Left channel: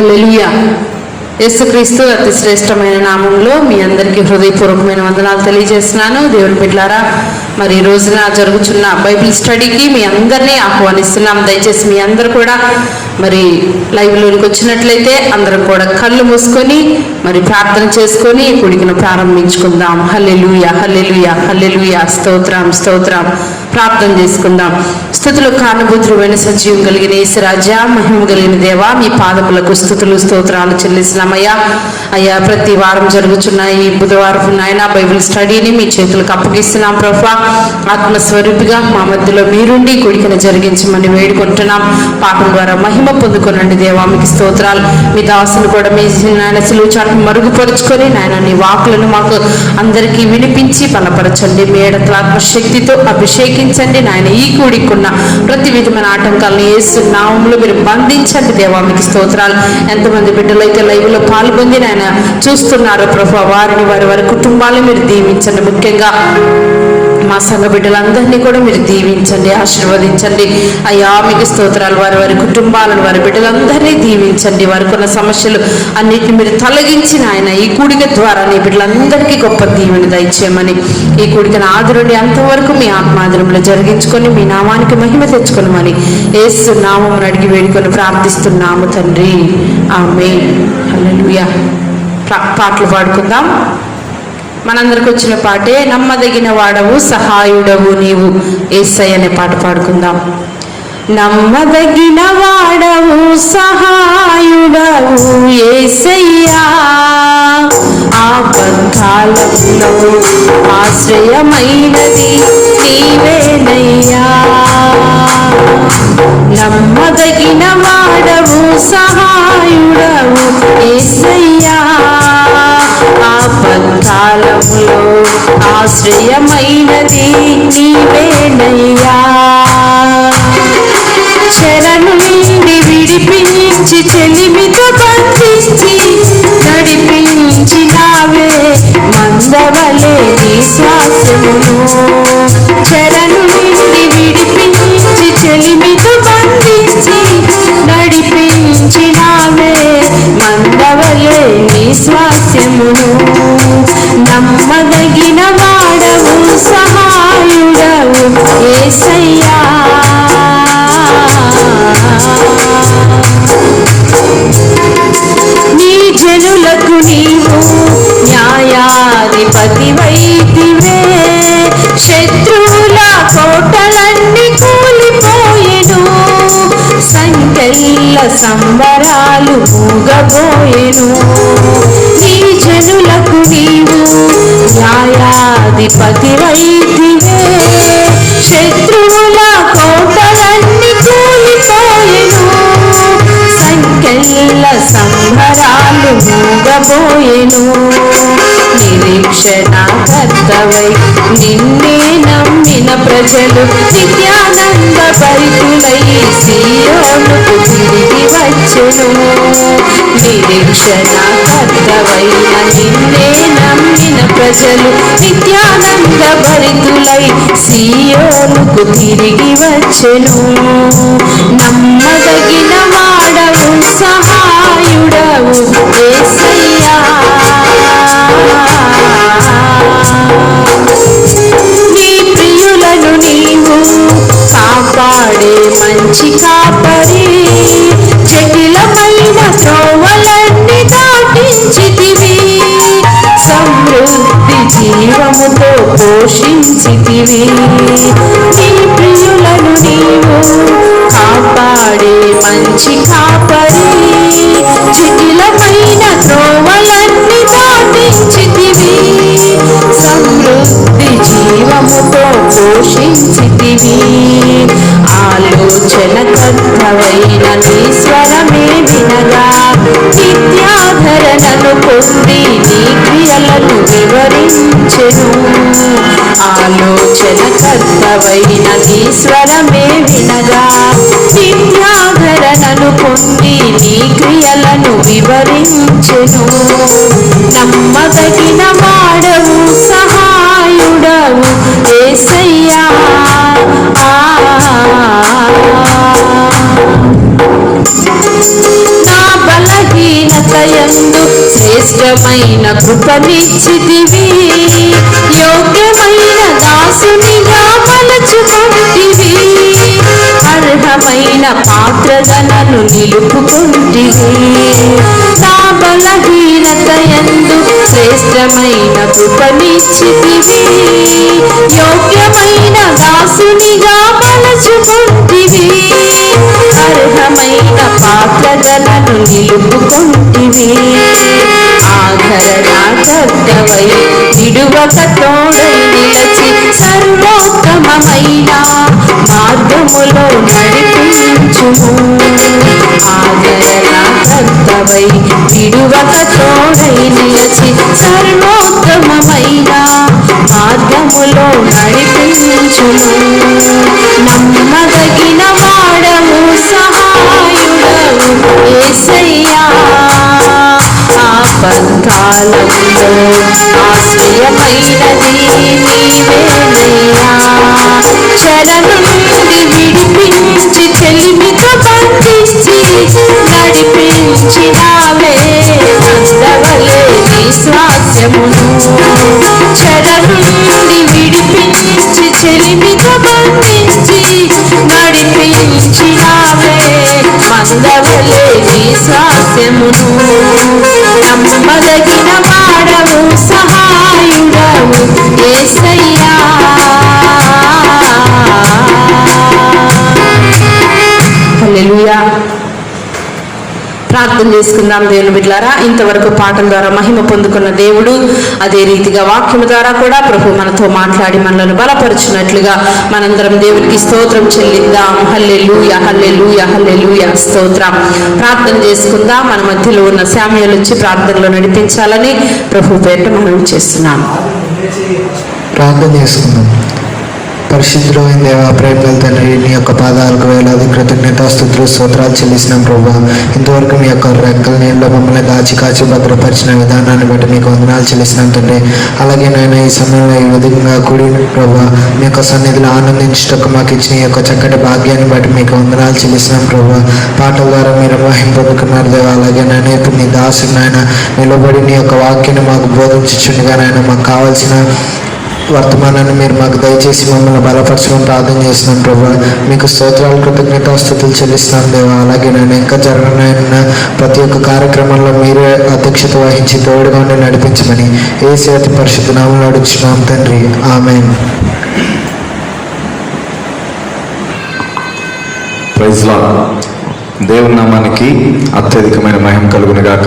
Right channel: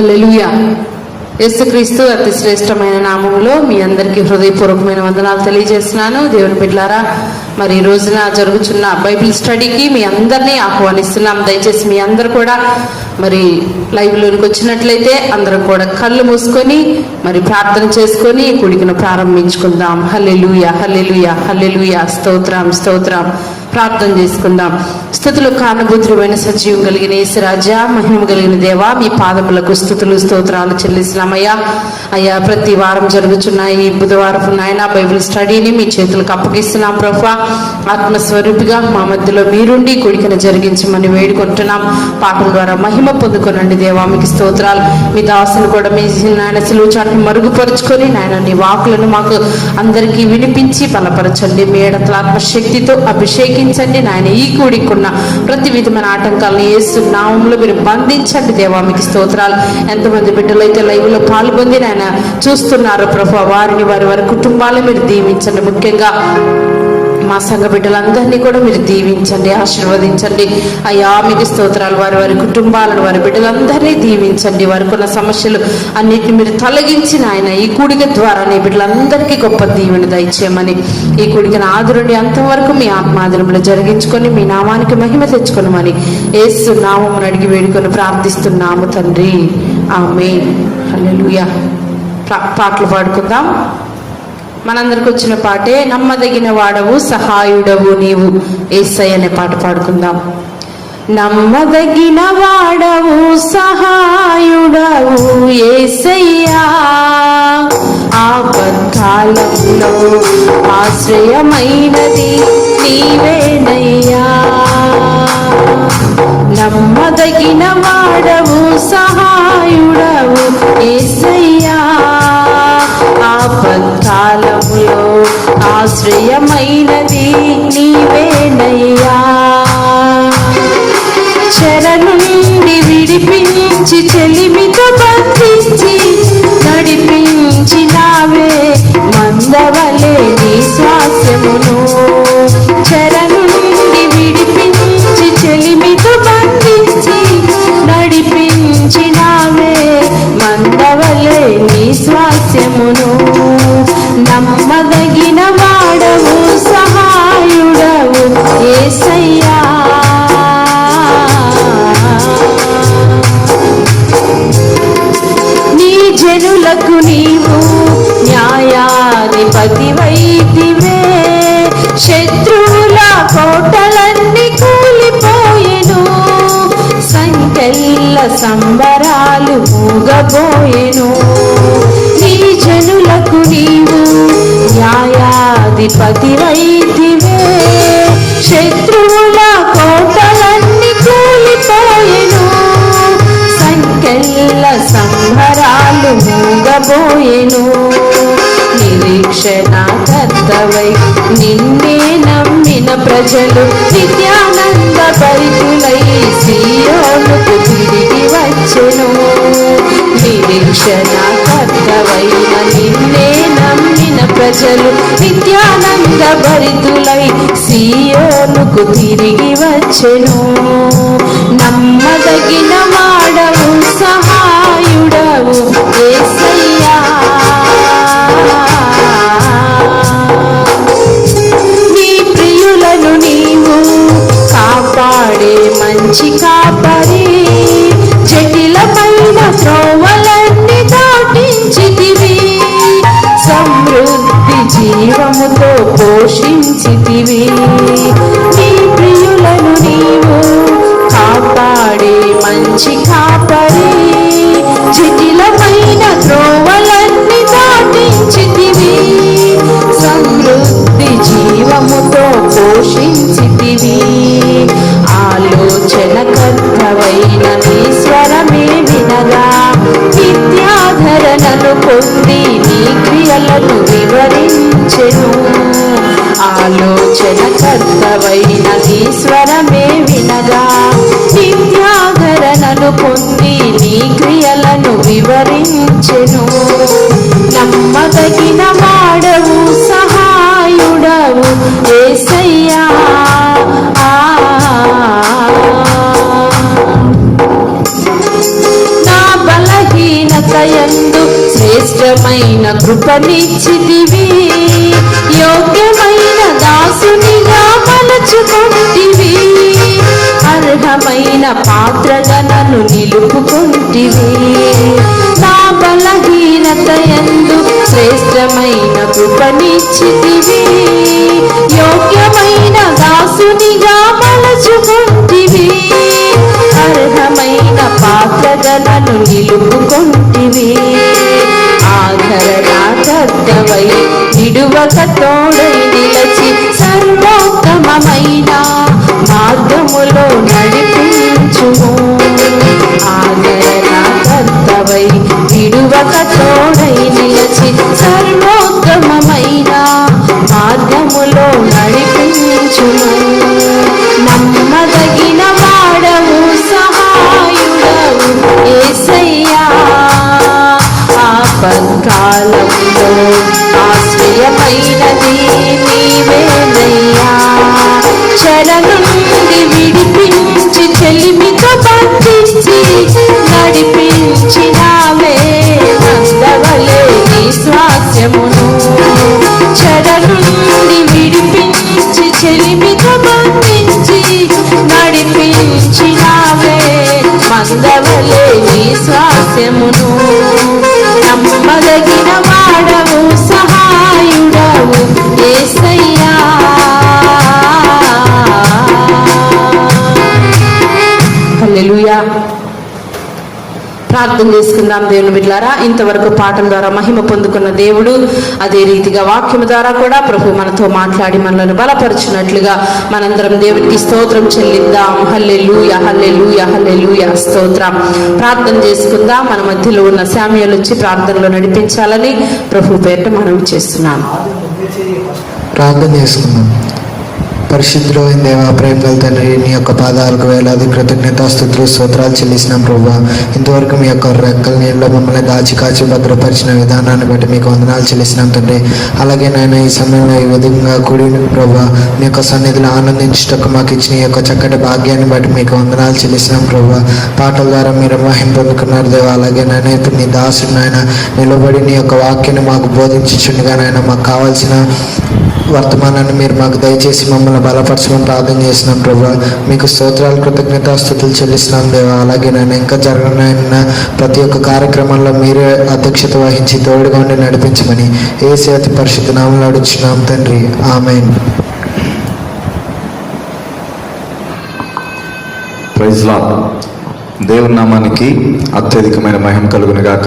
హల్లెలూయా. యేసుక్రీస్తు అతి శ్రేష్టమైన నామంలో మీ అందరికీ హృదయపూర్వకమైన వందనాలు తెలియజేస్తున్నాను. దేవుని బిడ్డలారా, మరి ఈ రోజున జరుగుతున్న బైబిల్ స్టడీకి మీ అందరినీ ఆహ్వానిస్తున్నాం. దయచేసి మీ అందరూ కూడా మరి లైవ్లోనికి వచ్చినట్లయితే అందరూ కూడా కళ్ళు మూసుకొని మరి ప్రార్థన చేసుకొని కూడికను ప్రారంభించుకుందాం. హల్లెలూయా, హల్లెలూయా, హల్లెలూయా. స్తోత్రం, స్తోత్రం. ప్రార్థన చేసుకుందాం. స్తుతులు కారణభూతుడైన సజీవం కలిగిన యేసురాజా, మహిమ కలిగిన దేవా, మీ పాదములకు స్తుతులు స్తోత్రాలు చెల్లిస్తున్నామయ్యా. అయ్యా, ప్రతి వారం జరుగుతున్న ఈ బుధవారం నాయన బైబిల్ స్టడీని మీ చేతులకు అప్పగిస్తున్నాం ప్రభా. ఆత్మస్వరూపిగా మా మధ్యలో మీరుండి కూడికను జరిగించమని వేడుకుంటున్నాం. పాపం ద్వారా మహిమ పొందుకొనండి దేవా, మీకు స్తోత్రాలు. మీ దాసులు కూడా మీ నాయన సిలువ చాటును మరుగుపరుచుకొని నాయన నీ వాకులను మాకు అందరికీ వినిపించి బలపరచండి. మీ ఎడతలాత్మ శక్తితో అభిషేకించండి నాయన. ఈ కూడికున్న ప్రతి విధమైన ఆటంకాలను యేసు నామములో మీరు బంధించండి దేవా, మీకు స్తోత్రాలు. ఎంతమంది బిడ్డలు అయితే లైవ్లో పాల్గొంది నాయన చూస్తున్నారు ప్రభా, వారిని వారి కుటుంబాలను మీరు దీవించండి. ముఖ్యంగా మా సంఘ బిడ్డలందరినీ కూడా మీరు దీవించండి, ఆశీర్వదించండి అయ్యా, మీకు స్తోత్రాలు. వారి కుటుంబాలను వారి బిడ్డలందరినీ దీవించండి. వారికి ఉన్న సమస్యలు అన్నిటిని మీరు తొలగించిన ఆయన ఈ కూడిక ద్వారా నీ బిడ్డలందరికీ గొప్ప దీవెన దయచేయమని, ఈ కూడికను ఆదరుని అంతవరకు మీ ఆత్మాదరంలో జరిగించుకొని మీ నామానికి మహిమ తెచ్చుకోమని యేసు నామమును అడిగి వేడుకొని ప్రార్థిస్తున్నాము తండ్రి, ఆమేన్. హల్లెలూయా. పాటలు పాడుకుందాం. మనందరికి వచ్చిన పాటే నమ్మదగిన వాడవు సహాయుడవు నీవు యేసయ్య అనే పాట పాడుకుందాం. నమ్మదగిన వాడవు సహాయుడవు యేసయ్యా, ఆపత్కాలంలో ఆశ్రయమైనది నీవేనయ్యా. నమ్మదగిన వాడవు సహాయుడవు యేసయ్యా, ఆపత్కాలంలో ఆశ్రయమైనది నీవేనయ్యా. చెర నుండి విడిపించి చెలిమితో బంధించి నడిపించినావే మందవలే నీ శ్వాసమును. చెర నుండి విడిపించి చెలిమితో బంధించి నడిపించినావే మందవలే నీ శ్వాసమును. నమ్మదగిన వాడవు సహాయుడవు యేసయ్యా, నీ జనులకు నీవు న్యాయాధిపతివైతివే. శత్రువుల కోటలన్నీ కూలిపోయెను, సంకెళ్ళ సంబరాలు మూగబోయెను. నీ జనులకు నీవు న్యాయాధిపతివైతివే. శత్రువుల కోటలన్నీ కూలిపోయెను, సంకెళ్ళ సంబరాలు మూగబోయెను. నిరీక్షణ కర్తవై నిన్నే నమ్మిన ప్రజలు నిత్యానంద భరితులై సీయోనుకు తిరిగి వచ్చెను. నిరీక్షణ కర్తవైన నిన్నే నమ్మిన ప్రజలు నిత్యానంద భరితులై సీయోనుకు తిరిగి వచ్చెను. నమ్మదగిన వాడవు సహాయుడవు యేసయ్యా, నీ ప్రియులను నీవు కాపాడే మంచి కాపరి. జటిలమైన త్రోవలన్నీ దాటించితివి, సమృద్ధి జీవముతో పోషించితివి. నీ ప్రియులను నీవు కాపాడే మంచి కాపరి. జటిలమైన త్రోవలన్నీ దాటించితివి, సమృద్ధి జీవముతో పోషించితివి. ఆలోచన కర్తవైన నీ స్వరమే వినగా విద్యాధరణను పొంది నీ క్రియలను వివరించెను. ఆలోచన కర్తవైన నీ స్వరమే వినగా విద్యాధరణను పొంది నీ క్రియలను వివరించెను. నమ్మదగిన వాడవు సహాయుడవు యేసయ్యా, నా బలహీన శ్రేష్టమైన కృపనిచ్చితివి, యోగ్యమైన దాసునిగా మలచుకొంటివి, అర్హమైన పాత్రలను నిలుపుకొంటివి. నా బలహీనత యందు శ్రేష్టమైన కృపనిచ్చితివి, యోగ్యమైన దాసునిగా మలచుకొంటివి, అర్హమైన పాత్రలను నిలుపుకొంటివి. ఆదరణకర్తవై విడువక తోడై నిలచి సర్వోత్తమమైన మార్గములో నడిపించుము. ఆదరణకర్తవై విడువక తోడై నిలచి సర్వోత్తమమైన మార్గములో నడిపించుము. నమ్మదగిన వాడవు, సహాయుడవు యేసయ్యా, ఆపత్కాలములో ఆశ్రయమైనది నీవేనయ్యా. చెర నుండి విడిపించి చెలిమితో బంధించి నడిపించినావే మందవలే నీ స్వాస్యమును. చెర నుండి విడిపించి చెలిమితో బంధించి నడిపించినావే మందవలే నీ స్వాస్యమును. నమ్మదగిన వాడవు, సహాయుడవు యేసయ్యా. హల్లెలూయా. ప్రార్థన చేసుకుందాం దేవుని బిడ్డలారా. ఇంతవరకు పాఠం ద్వారా మహిమ పొందుకున్న దేవుడు అదే రీతిగా వాక్యం ద్వారా కూడా ప్రభు మనతో మాట్లాడి మనల్ని బలపరిచినట్లుగా మనందరం దేవునికి స్తోత్రం చెల్లిద్దాం. హల్లెలూయా, హల్లెలూయా, హల్లెలూయా, స్తోత్రం. ప్రార్థన చేసుకుందాం. మన మధ్యలో ఉన్న శామ్యూయల్ వచ్చి ప్రార్థనలో నడిపించాలని ప్రభు పేట మనవి చేస్తున్నాను. ప్రార్థన చేసుకుందాం. పరిశుద్ధులు అయిన దేవ, ప్రేమల తండ్రి, నీ యొక్క పాదాలకు వేలాది కృతజ్ఞతాస్తుతులు స్తోత్రాలు చెల్లిస్తున్నాం ప్రభు. ఇంతవరకు మీ యొక్క రెక్కల నీళ్ళలో మమ్మల్ని దాచి కాచి భద్రపరిచిన విధానాన్ని బట్టి మీకు వందనాలు చెల్లిస్తున్నాం తండ్రి. అలాగే నేను ఈ సమయంలో ఈ విధంగా కూడి ప్రభు మీ యొక్క సన్నిధిలో ఆనందించటకు మాకు ఇచ్చిన ఈ యొక్క చక్కటి భాగ్యాన్ని బట్టి మీకు వందనాలు చెల్లిస్తున్నాం ప్రభు. పాటల ద్వారా మీరు మహిమ పొందుకున్నారు దేవ. అలాగే నేను ఇప్పుడు మీ దాసుని ఆయన నిలబడి నీ యొక్క వాక్యాన్ని మాకు బోధించుండగా ఆయన మాకు కావాల్సిన వర్తమానాన్ని మీరు మాకు దయచేసి మమ్మల్ని బలపరచమని ప్రార్థన చేస్తున్నాం ప్రభు. మీకు స్తోత్రాలు కృతజ్ఞతాస్తుతులు చెల్లిస్తున్నాను దేవా. అలాగే నేను ఇంకా జరగనున్న ప్రతి ఒక్క కార్యక్రమంలో మీరే అధ్యక్షత వహించి తోడుగా ఉండి నడిపించమని యేసు అతి పరిశుద్ధ నామములో అడుగుచున్నాం తండ్రి, ఆమేన్. Praise lord. దేవుని నామానికి అత్యధికమైన మహిమ కలుగును గాక.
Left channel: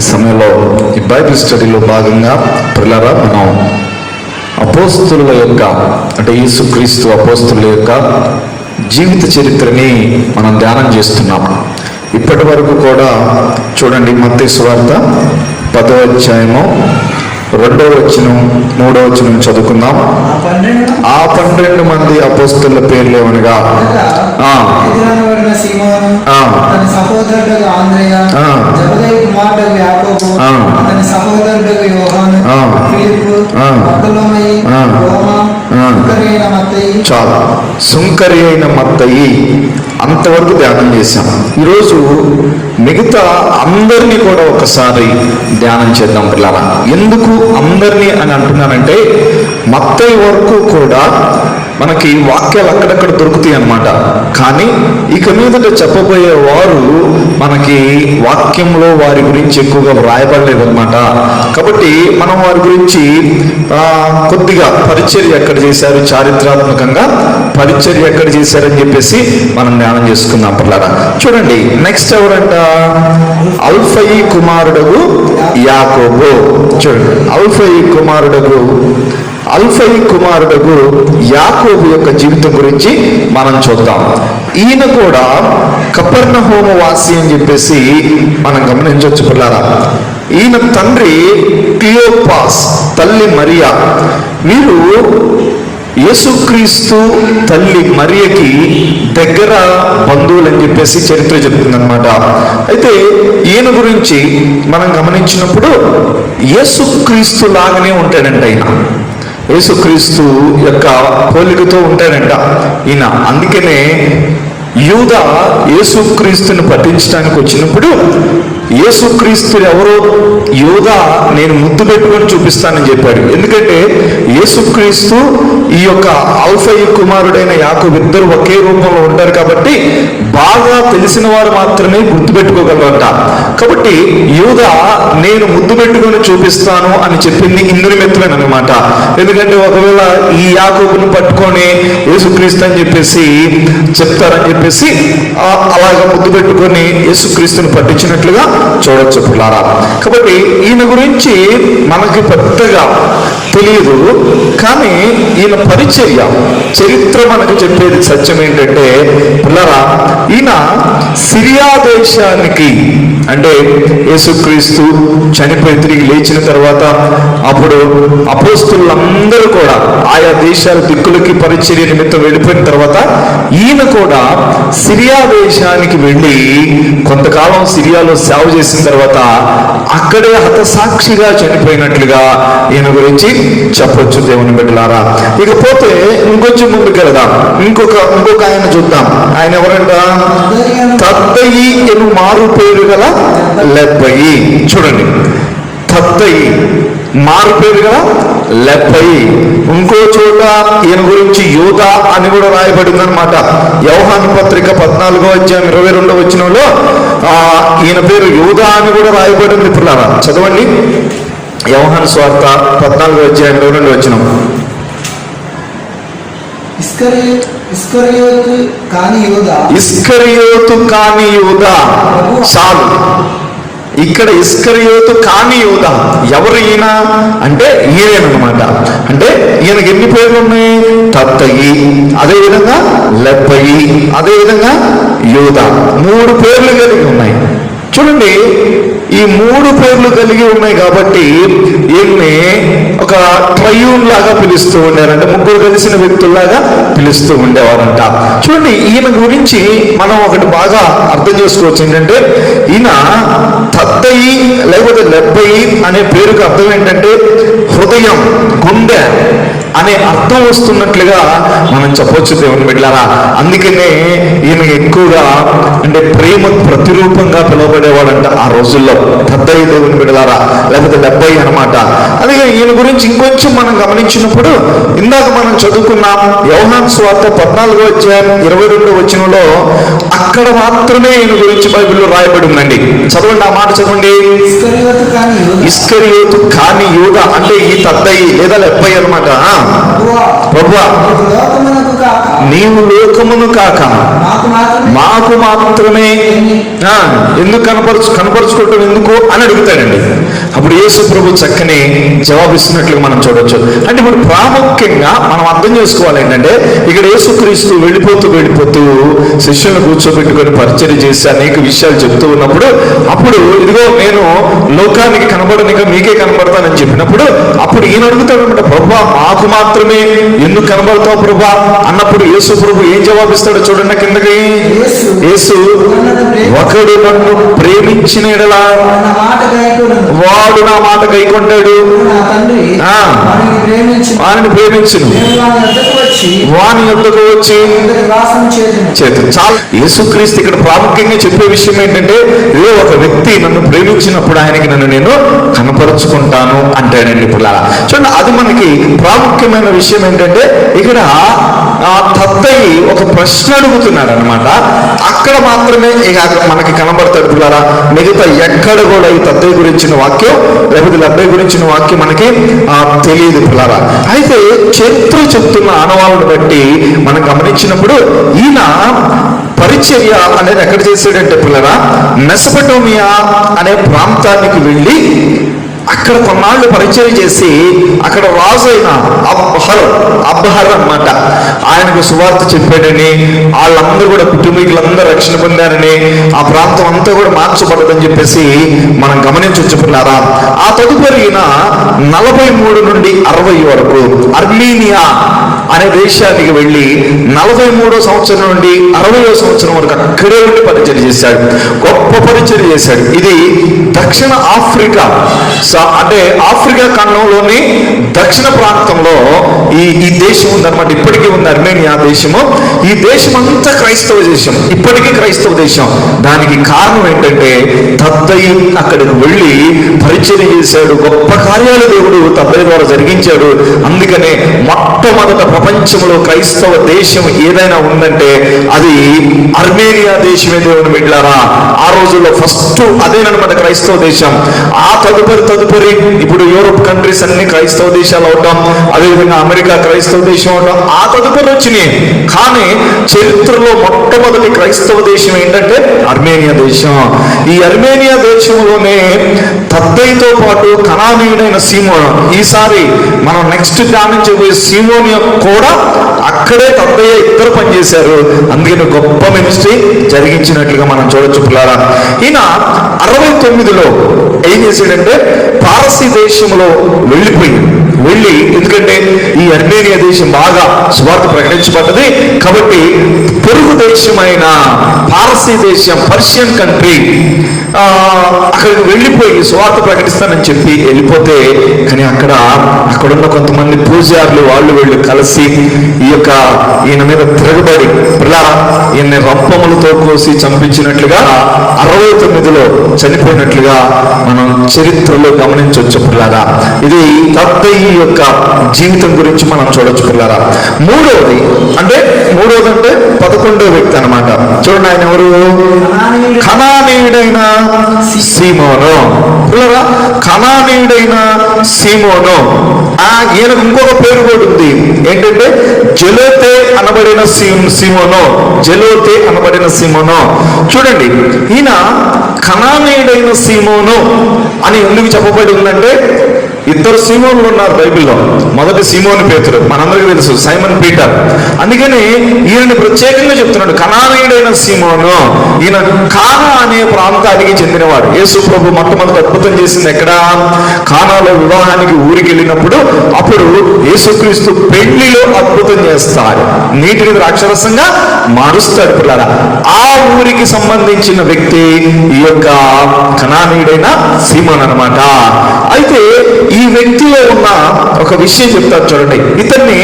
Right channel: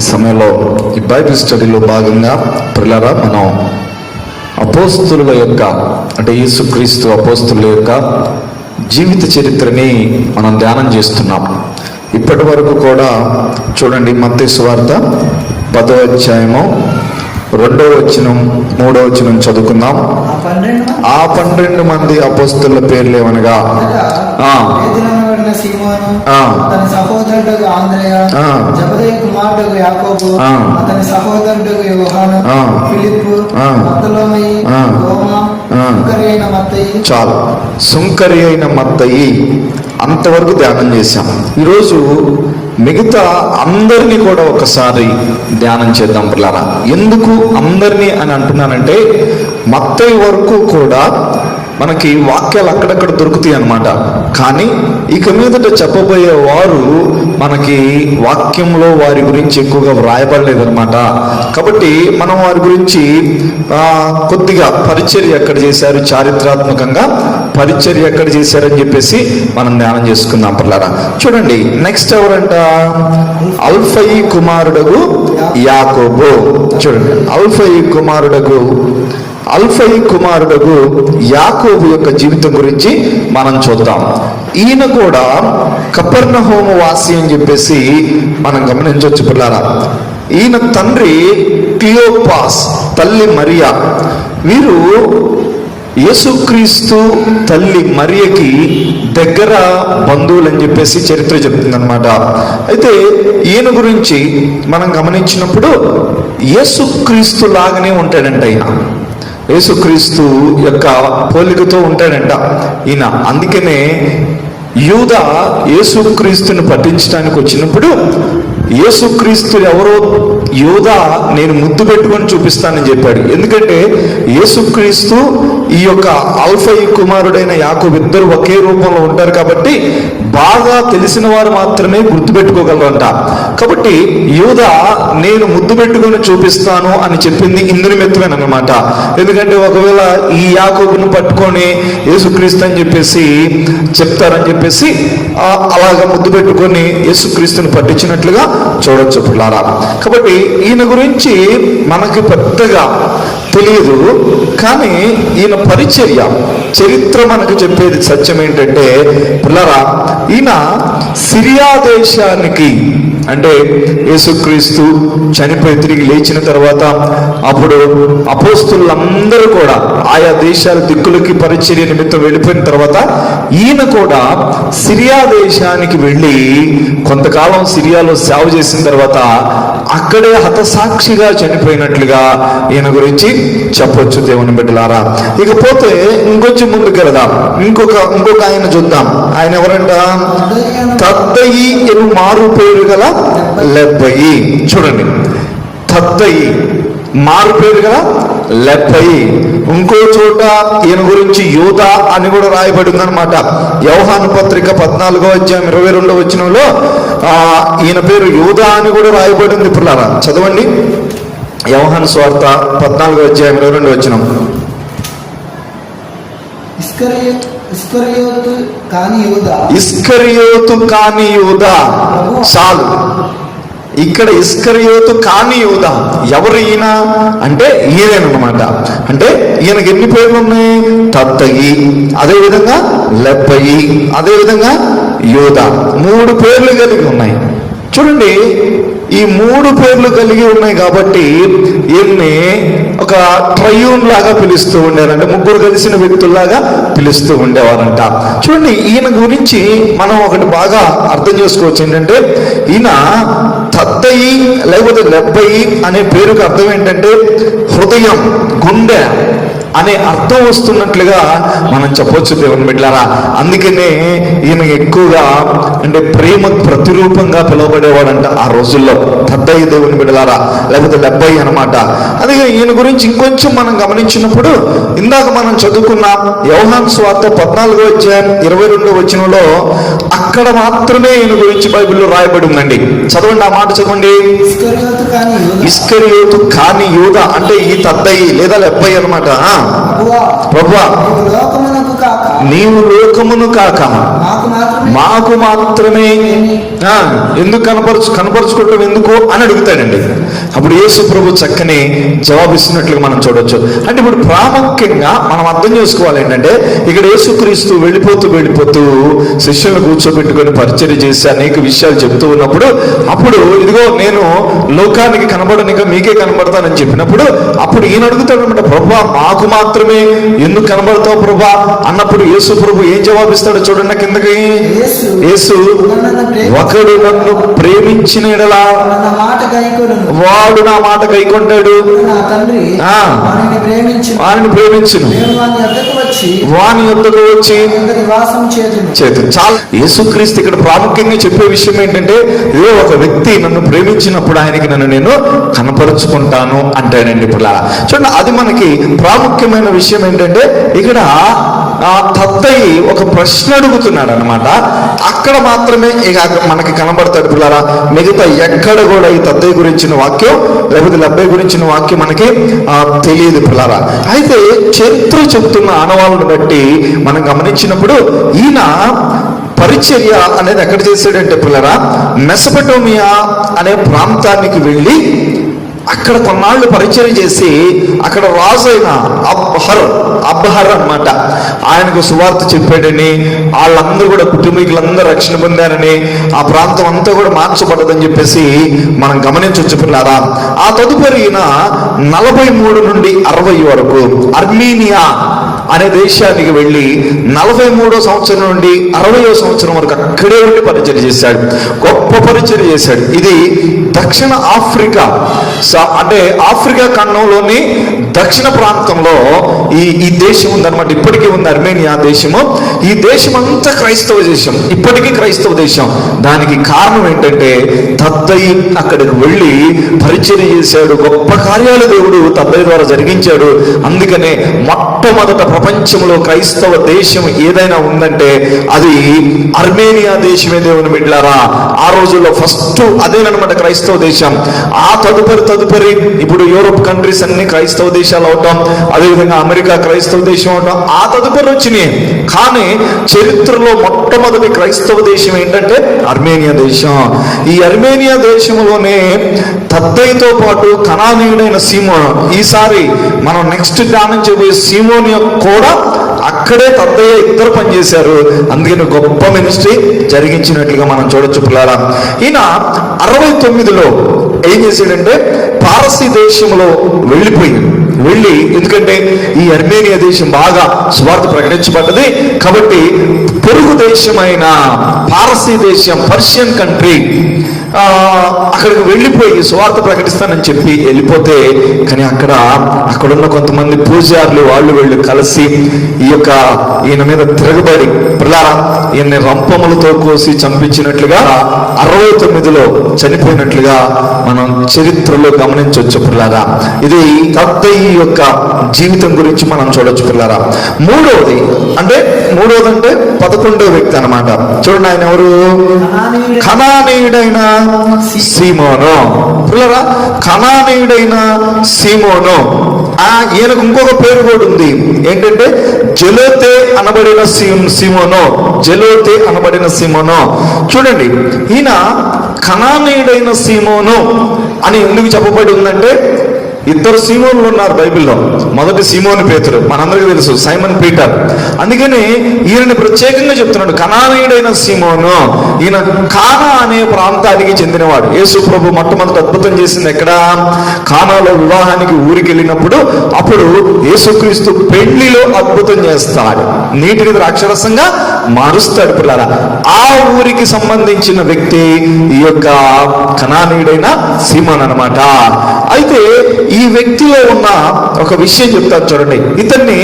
ఈ సమయంలో ఈ బైబిల్ స్టడీలో భాగంగా పిల్లరా మనం అపోస్తుల యొక్క అంటే యేసుక్రీస్తు అపోస్తుల యొక్క జీవిత చరిత్రని మనం ధ్యానం చేస్తున్నాం. ఇప్పటి వరకు కూడా చూడండి, మత్తయి సువార్త 10వ అధ్యాయము 2వ వచనం 3వ వచనం చదువుకుందాం. ఆ 12 మంది అపోస్తుల పేర్లు ఏమనగా చాలు, సుంకరి అయిన మత్తయి అంతవరకు ధ్యానం చేశాం. ఈరోజు మిగతా అందరినీ కూడా ఒకసారి ధ్యానం చేద్దాం పిల్లరా. ఎందుకు అందరినీ అని అంటున్నారంటే మత్తయి వరకు కూడా మనకి వాక్యాలు అక్కడక్కడ దొరుకుతాయి అన్నమాట. కానీ ఇక మీదట చెప్పబోయే వారు మనకి వాక్యంలో వారి గురించి ఎక్కువగా వ్రాయబడలేదు అనమాట. కాబట్టి మనం వారి గురించి కొద్దిగా పరిచర్య ఎక్కడ చేశారు, చారిత్రాత్మకంగా పరిచర్య ఎక్కడ చేశారని చెప్పేసి మనం ధ్యానం చేసుకుందాం పిల్లరా. చూడండి, నెక్స్ట్ ఎవరంట? అల్ఫయి కుమారుడగు యాకోబు. చూడండి, అల్ఫయి కుమారుడగు యాకోబు యొక్క జీవితం గురించి మనం చూద్దాం. ఈయన కూడా కపెర్నహూము వాసి అని చెప్పేసి మనం గమనించవచ్చు పిల్లారా. ఈయన తండ్రి క్లియోపాస్, తల్లి మరియా. వీరు యేసుక్రీస్తు తల్లి మరియకి దగ్గర బంధువులు అని చెప్పేసి చరిత్ర చెప్తుంది అనమాట. అయితే ఈయన గురించి మనం గమనించినప్పుడు యేసుక్రీస్తు లాగానే ఉంటాడంట ఈయన. యేసుక్రీస్తు యొక్క పోలికతో ఉంటాడంట ఈయన. అందుకనే యూదా యేసుక్రీస్తుని పట్టించడానికి వచ్చినప్పుడు యేసుక్రీస్తు ఎవరో యూదా నేను ముద్దు పెట్టుకొని చూపిస్తానని చెప్పాడు. ఎందుకంటే యేసుక్రీస్తు ఈ యొక్క అల్ఫయి కుమారుడైన యాకోబు ఇద్దరు ఒకే రూపంలో ఉంటారు కాబట్టి బాగా తెలిసిన వారు మాత్రమే గుర్తుపెట్టుకోగలరట. కాబట్టి యూదా నేను ముద్దు పెట్టుకొని చూపిస్తాను అని చెప్పింది ఇందు నిమిత్తమేనమాట. ఎందుకంటే ఒకవేళ ఈ యాకోబుని పట్టుకొని యేసుక్రీస్తు అని చెప్పేసి చెప్తారని చెప్పేసి అలాగా ముద్దు పెట్టుకొని యేసుక్రీస్తుని పట్టించినట్లుగా చూడొచ్చు పిల్లారా. కాబట్టి ఈయన గురించి మనకి పెద్దగా తెలియదు, కానీ ఈయన పరిచర్య చరిత్ర మనకు చెప్పేది సత్యం ఏంటంటే పిల్లరా, ఈయన సిరియా దేశానికి అంటే యేసుక్రీస్తు చనిపోయి తిరిగి లేచిన తర్వాత అప్పుడు అపోస్తులందరూ కూడా ఆయా దేశాల దిక్కులకి పరిచర్య నిమిత్తం వెళ్ళిపోయిన తర్వాత ఈయన కూడా సిరియా దేశానికి వెళ్ళి కొంతకాలం సిరియాలో సేవ చేసిన తర్వాత అక్కడే హతసాక్షిగా చనిపోయినట్లుగా ఈయన గురించి చెప్పొచ్చు దేవుని బిడ్డలారా. ఇకపోతే ఇంకొంచెం ముందుకు వెళదాం. ఇంకొక ఆయన చూద్దాం. ఆయన ఎవరంట? తద్దయి ఎను మారు పేరు గల లెబ్బయి. చూడండి, తద్దయి మారు పేరు గల లెబ్బయి. ఇంకో చోట ఈయన గురించి యూదా అని కూడా రాయబడింది అనమాట. యోహాను పత్రిక 14వ అధ్యాయం 22వ వచనంలో ఈయన పేరు యూదా అని కూడా రాయబడింది. పిల్లరా చదవండి, యోహాను సువార్త 14వ అధ్యాయం 22వ వచనం. ఇస్కరియోతు కాని యూదా. సాల్ ఇక్కడ ఇస్కరియోతు కాని యూదా ఎవరు ఈయన అంటే ఈయనమాట. అంటే ఈయనకి ఎన్ని పేర్లు ఉన్నాయి? తత్తయి, అదేవిధంగా లెబ్బయి, అదేవిధంగా యూదా. 3 పేర్లు కలిగి ఉన్నాయి. చూడండి, ఈ 3 పేర్లు కలిగి ఉన్నాయి కాబట్టి ఈయన్ని ఒక ట్రయూన్ లాగా పిలుస్తూ ఉండేవారు. అంటే ముగ్గురు కలిసిన వ్యక్తుల్లాగా పిలుస్తూ ఉండేవారంట. చూడండి, ఈయన గురించి మనం ఒకటి బాగా అర్థం చేసుకోవచ్చు. ఏంటంటే ఈయన తత్తయి లేకపోతే లెబ్బయి అనే పేరుకు అర్థం ఏంటంటే హృదయం, గుండె అనే అర్థం వస్తున్నట్లుగా మనం చెప్పొచ్చు దేవుని బిడ్డలారా. అందుకనే ఈయన ఎక్కువగా అంటే ప్రేమ ప్రతిరూపంగా పిలువబడేవాడంట ఆ రోజుల్లో. తద్దయి దేవుని బిడ్డలారా, లేకపోతే లెబ్బయి అనమాట. అదే ఈయన గురించి ఇంకొంచెం మనం గమనించినప్పుడు ఇందాక మనం చదువుకున్నాం యోహాను సువార్త 14వ అధ్యాయం 22వ వచనంలో అక్కడ మాత్రమే ఈయన గురించి బైబిల్లో రాయబడి ఉందండి. చదవండి, ఆ మాట చదవండి. ఇస్కరియోతు కాని యూదా అంటే ఈ తద్దయి లేదా లెబ్బయి అనమాట. ప్రభువా, నీవు లోకమును కాక మాకు మాత్రమే ఎందుకు కనపరుచుకోవటం ఎందుకు అని అడుగుతాడండి. అప్పుడు యేసు ప్రభు చక్కని జవాబిస్తున్నట్లుగా మనం చూడొచ్చు. అంటే ఇప్పుడు ప్రాముఖ్యంగా మనం అర్థం చేసుకోవాలి ఏంటంటే ఇక్కడ యేసుక్రీస్తు వెళ్ళిపోతూ శిష్యులను కూర్చోబెట్టుకొని పరిచర్య చేసి అనేక విషయాలు చెప్తూ ఉన్నప్పుడు అప్పుడు ఇదిగో నేను లోకానికి కనబడనిగా మీకే కనబడతానని చెప్పినప్పుడు అప్పుడు ఈయన అడుగుతాడు అనమాట, ప్రభువా మాకు మాత్రమే ఎందుకు కనబడతావు ప్రభా అన్నప్పుడు యేసు ప్రభు ఏం జవాబిస్తాడో చూడండి కిందకి. యేసు ఒకడు నన్ను ప్రేమించిన ఎడలా వాడు నా మాట గైకొంటాడు, వారిని ప్రేమించును, వాని యొద్దకు వచ్చి చేతి. చాలా యేసుక్రీస్తు ఇక్కడ ప్రాముఖ్యంగా చెప్పే విషయం ఏంటంటే ఏ ఒక వ్యక్తి నన్ను ప్రేమించినప్పుడు ఆయనకి నేను కనపరుచుకుంటాను అంటాడండి. ఇప్పుడు చూడండి, అది మనకి ప్రాముఖ్యమైన విషయం ఏంటంటే ఇక్కడ ఆ తత్తయి ఒక ప్రశ్న అడుగుతున్నాడు అనమాట. అక్కడ మాత్రమే మనకి కనబడతాడు పిల్లారా. మిగతా ఎక్కడ కూడా ఈ తత్తయి గురించిన వాక్యం లేకపోతే లెబ్బయి గురించిన వాక్యం మనకి తెలియదు పిల్లారా. అయితే చరిత్ర చెప్తున్న ఆనవాళ్ళను బట్టి మనం గమనించినప్పుడు ఈయన పరిచర్య అనేది ఎక్కడ చేశాడంటే పిల్లరా మెసొపొటేమియా అనే ప్రాంతానికి వెళ్ళి అక్కడ కొన్నాళ్ళు పరిచయం చేసి అక్కడ రాజైన అబ్హర్ అన్నమాట ఆయనకు సువార్త చెప్పాడని, వాళ్ళందరూ కూడా కుటుంబీకులందరూ రక్షణ పొందారని, ఆ ప్రాంతం అంతా కూడా మార్చబడదని చెప్పేసి మనం గమనించవచ్చు పిల్లారా. ఆ తదుపరి 43 నుండి 60 వరకు అర్మీనియా అనే దేశానికి వెళ్ళి 43వ సంవత్సరం నుండి 60వ సంవత్సరం వరకు అక్కడే ఉండి పరిచయం చేశాడు. గొప్ప పరిచయం చేశాడు. ఇది దక్షిణ ఆఫ్రికా అంటే ఆఫ్రికా ఖండంలోని దక్షిణ ప్రాంతంలో ఈ దేశం ఉందన్నమాట. ఇప్పటికీ ఉంది అర్మేనియా దేశము. ఈ దేశం అంతా క్రైస్తవ దేశం, ఇప్పటికీ క్రైస్తవ దేశం. దానికి కారణం ఏంటంటే తద్దయి అక్కడికి వెళ్ళి పరిచయం చేశాడు. గొప్ప కార్యాలు దేవుడు తద్దయి ద్వారా జరిగించాడు. అందుకనే మొట్టమొదట ప్రపంచంలో క్రైస్తవ దేశం ఏదైనా ఉందంటే అది అర్మేనియా దేశమే. దేవుని బిడ్డలారా, ఆ రోజుల్లో ఫస్ట్ అదేనమాట క్రైస్తవ దేశం. ఆ తదుపరి ఇప్పుడు యూరోప్ కంట్రీస్ అన్ని క్రైస్తవ దేశాలు అవటం, అదేవిధంగా అమెరికా క్రైస్తవ దేశం అవటం ఆ తదుపరి వచ్చినాయి. కానీ చరిత్రలో మొట్టమొదటి క్రైస్తవ దేశం ఏంటంటే అర్మేనియా దేశం. ఈ అర్మేనియా దేశంలోనే తద్దయితో పాటు కనానీయుడైన సీమోను, ఈసారి మనం నెక్స్ట్ ధ్యానం చేయబోయే సీమోను కూడా అక్కడే తద్దయ్య ఇద్దరు పనిచేశారు. అందుకని గొప్ప మినిస్ట్రీ జరిగించినట్లుగా మనం చూడొచ్చు పిల్లారా. ఈయన 69లో ఏం చేశాడంటే పారసీ దేశంలో వెళ్ళి ఎందుకంటే ఈ అర్మేనియా దేశం బాగా సువార్త ప్రకటించబడ్డది కాబట్టి పొరుగు దేశమైన పారసీ దేశం, పర్షియన్ కంట్రీ, అక్కడికి వెళ్ళిపోయి సువార్త ప్రకటిస్తానని చెప్పి వెళ్ళిపోతే, కానీ అక్కడున్న కొంతమంది పూజారులు వాళ్ళు వెళ్ళి కలిసి ఈయన మీద తిరగబడి ఈయన రంపములతో కోసి చంపించినట్లుగా 69లో చనిపోయినట్లుగా మనం చరిత్రలో గమనించవచ్చు పిల్లారా. ఇది తద్దయి యొక్క జీవితం గురించి మనం చూడొచ్చు పిల్లారా. మూడవది అంటే 11వ వ్యక్తి అన్నమాట. చూడండి, ఆయన ఎవరు? కనానీయుడైన సీమోను. పిల్లరా, కనానీయుడైన సీమోను. ఈయనకు ఇంకొక పేరు కూడా ఉంది. ఏంటంటే జెలోతే అనబడిన సీమోను. చూడండి, ఈయన కనానీయుడైన సీమోను అని ఎందుకు చెప్పబడి ఉందంటే ఇద్దరు సీమోన్లు ఉన్నారు బైబిల్లో. మొదటి సీమోను పేతురు, మనందరికీ తెలుసు, సైమన్ పీటర్. అందుకని ఈయన ప్రత్యేకంగా చెప్తున్నాడు కనానీయుడైన సీమోను. ఈయన కానా అనే ప్రాంతానికి చెందినవాడు. యేసు ప్రభు మొట్టమొదటి అద్భుతం చేసింది ఎక్కడ? కానాలో వివాహానికి ఊరికి వెళ్ళినప్పుడు అప్పుడు యేసుక్రీస్తు పెళ్లిలో అద్భుతం చేస్తాడు. నీటిని ద్రాక్షరసంగా మారుస్తాడు పిల్లల. ఆ ఊరికి సంబంధించిన వ్యక్తి ఈ యొక్క కనానీయుడైన సీమోను అన్నమాట. అయితే ఈ వ్యక్తిలో ఉన్న ఒక విషయం చెప్తారు చూడండి. ఇతన్ని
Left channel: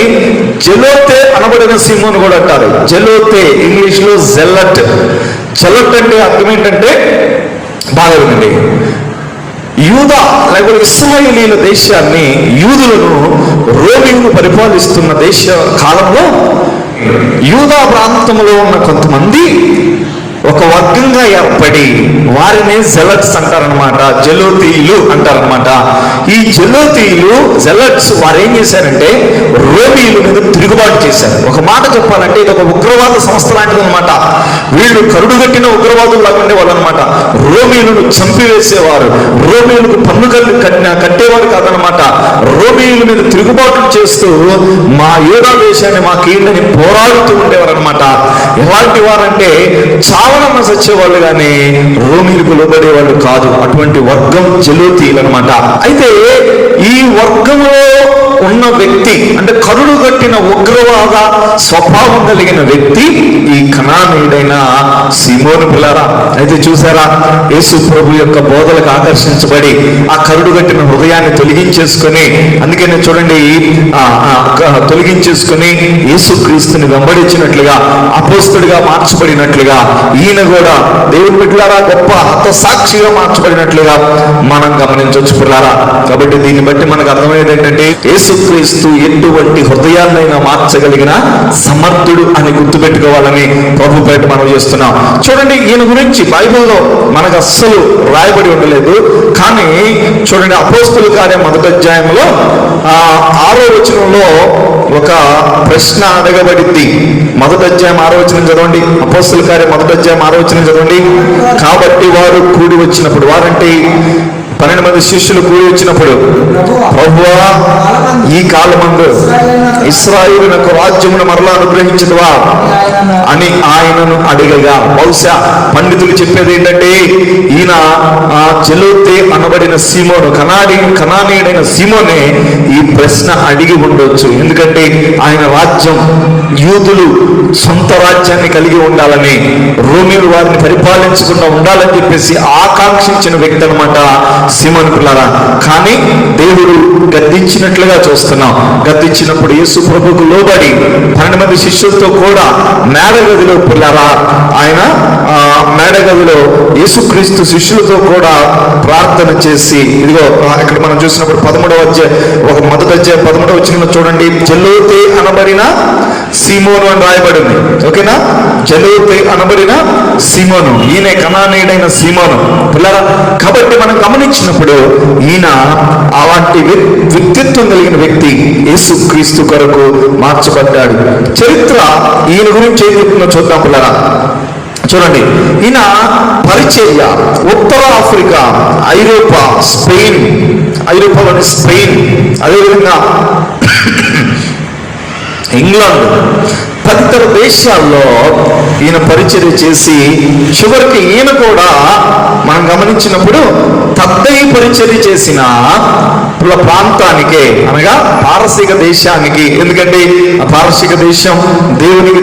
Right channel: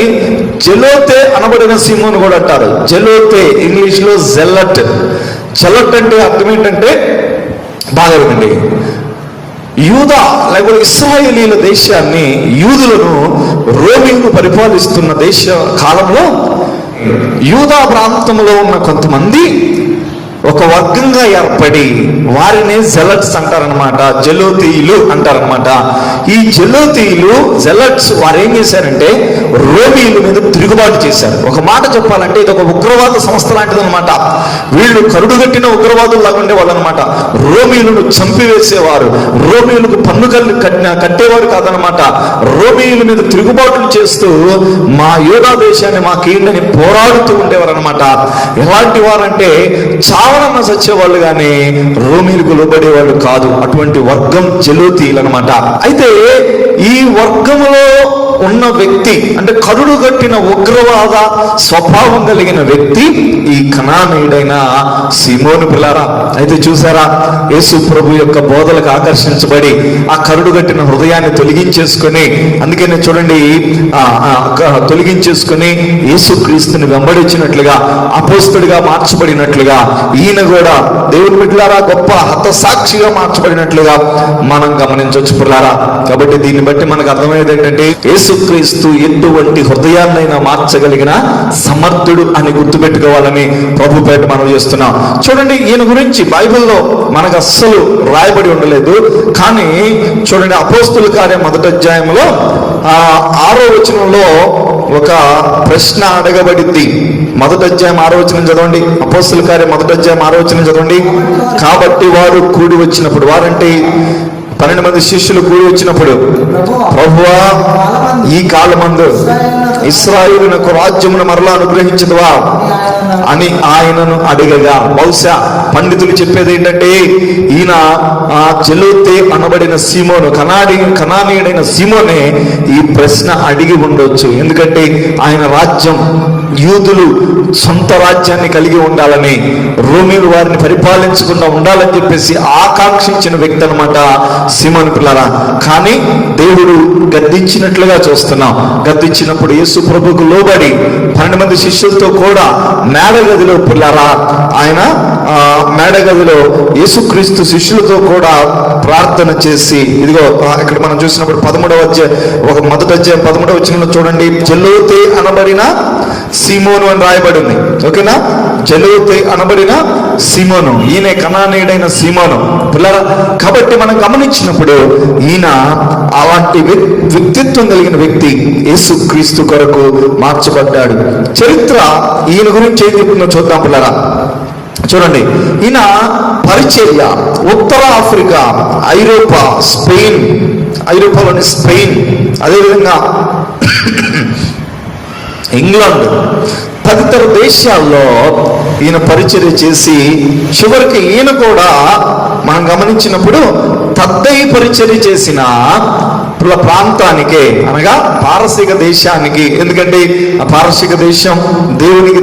జెలోతే అనబడిన సీమోను కూడా అంటారు. జెలోతే ఇంగ్లీష్ లో జెలట్ అంటే అర్థం ఏంటంటే బాగా వినండి, యూదా లేకపోతే ఇశ్రాయేలీల దేశాన్ని, యూదులను రోమీయులు పరిపాలిస్తున్న దేశ కాలంలో యూదా ప్రాంతంలో ఉన్న కొంతమంది ఒక వర్గంగా ఏర్పడి వారిని జెలట్స్ అంటారనమాట, జెలోతీయులు అంటారనమాట. ఈ జెలట్స్ వారు ఏం చేశారంటే రోమీయుల మీద తిరుగుబాటు చేశారు. ఒక మాట చెప్పాలంటే ఇది ఒక ఉగ్రవాద సంస్థ లాంటిది అనమాట. వీళ్ళు కరుడుగట్టిన ఉగ్రవాదులు లాగుండే వాళ్ళు అనమాట. రోమీయులను చంపివేసేవారు, రోమీయులకు పన్నుకళ్ళు కట్టేవారు కాదనమాట. రోమీయుల మీద తిరుగుబాటు చేస్తూ మా యూదా దేశాన్ని మాకేందని పోరాడుతూ ఉండేవారు అనమాట. ఎలాంటి వారంటే చావనన్న సచ్చేవాళ్ళు కానీ రోమీలకు లోబడేవాళ్ళు కాదు. అటువంటి వర్గం జెలోతీయులు అనమాట. అయితే ఈ వర్గంలో ఉన్న వ్యక్తి అంటే కరుడు కట్టిన ఉగ్రవాద స్వభావం కలిగిన వ్యక్తి ఈ కనానీయుడైన సీమోను పిల్లారా. అయితే చూసారా, యేసు ప్రభు యొక్క బోధలకు ఆకర్షించబడి ఆ కరుడు కట్టిన హృదయాన్ని తొలగించేసుకుని, అందుకనే చూడండి తొలగించేసుకుని యేసుక్రీస్తుని వెంబడించినట్లుగా అపోస్తుడిగా మార్చబడినట్లుగా ఈయన కూడా దేవుని బిడ్డలారా గొప్ప హతసాక్షిగా మార్చబడినట్లుగా మనం గమనించవచ్చు పిల్లారా. కాబట్టి దీన్ని బట్టి మనకు అర్థమయ్యేది ఏంటంటే యేసుక్రీస్తు ఎటువంటి హృదయాన్నైనా మార్చగలిగిన సమర్థుడు అని గుర్తుపెట్టుకోవాలని ప్రభు పేట మనం చేస్తున్నాం. చూడండి, ఈయన గురించి బైబిల్లో మనకు అస్సలు రాయబడి ఉండలేదు. కానీ చూడండి, అపోస్తుల కార్యం 1వ అధ్యాయంలో 6వ వచనంలో ఒక ప్రశ్న అడగబడింది. 1వ అధ్యాయం 6వ వచనం చదవండి. అపోస్తుల కార్యం 1వ అధ్యాయం 6వ వచనం చదవండి. కాబట్టి వారు కూడి వచ్చినప్పుడు, వారంటే 12 మంది శిష్యులు కూడి వచ్చినప్పుడు, ప్రభువా ఈ కాలమందు ఇశ్రాయేలునకు రాజ్యమును మరలా అనుగ్రహించుదువా అని ఆయనను అడిగగా, బహుశా పండితులు చెప్పేది ఏంటంటే ఈయన జెలోతే అనబడిన సీమోను, కనానీయుడైన సీమోనే ఈ ప్రశ్న అడిగి ఉండొచ్చు. ఎందుకంటే ఆయన రాజ్యం, యూదులు సొంత రాజ్యాన్ని కలిగి ఉండాలని, రోమీలు వారిని పరిపాలించకుండా ఉండాలని చెప్పేసి ఆకాంక్షించిన వ్యక్తి అనమాట సీమోను పిల్లరా. కానీ దేవుడు గద్దించి గద్దించినట్లుగా చూస్తున్నాం. గద్దించినప్పుడు యేసు ప్రభువుకు లోబడి 12 మంది శిష్యులతో కూడా మేడగదిలో పిల్లరా ఆయన మేడగదిలో యేసుక్రీస్తు శిష్యులతో కూడా ప్రార్థన చేసి, ఇదిగో ఇక్కడ మనం చూసినప్పుడు 13వ అధ్యాయం మొదటి అధ్యాయం 13వ వచనంలో చూడండి, జలోతే అనబడిన సీమోను అని రాయబడింది. ఓకేనా, జలోతే అనబడిన సీమోను, ఈయన కనానీయుడైన సీమోను పిల్లరా. కాబట్టి మనం గమనించినప్పుడు ఈయన అలాంటి వ్యక్తిత్వం కలిగిన వ్యక్తి యేసుక్రీస్తు కొరకు మార్చబడ్డాడు. చరిత్ర ఈయన గురించి ఏం చెప్తుందో చూద్దాం పిల్లరా. చూడండి, ఈయన పరిచర్య ఉత్తర ఆఫ్రికా, ఐరోపా, స్పెయిన్, ఐరోపాలోని స్పెయిన్, అదేవిధంగా ఇంగ్లాండ్ తదితర దేశాల్లో ఈయన పరిచర్య చేసి చివరికి ఈయన కూడా మనం గమనించినప్పుడు తద్దయి పరిచర్య చేసిన ప్రాంతానికి, అనగా పారసీక దేశానికి, ఎందుకంటే ఆ పారసీక దేశం దేవుని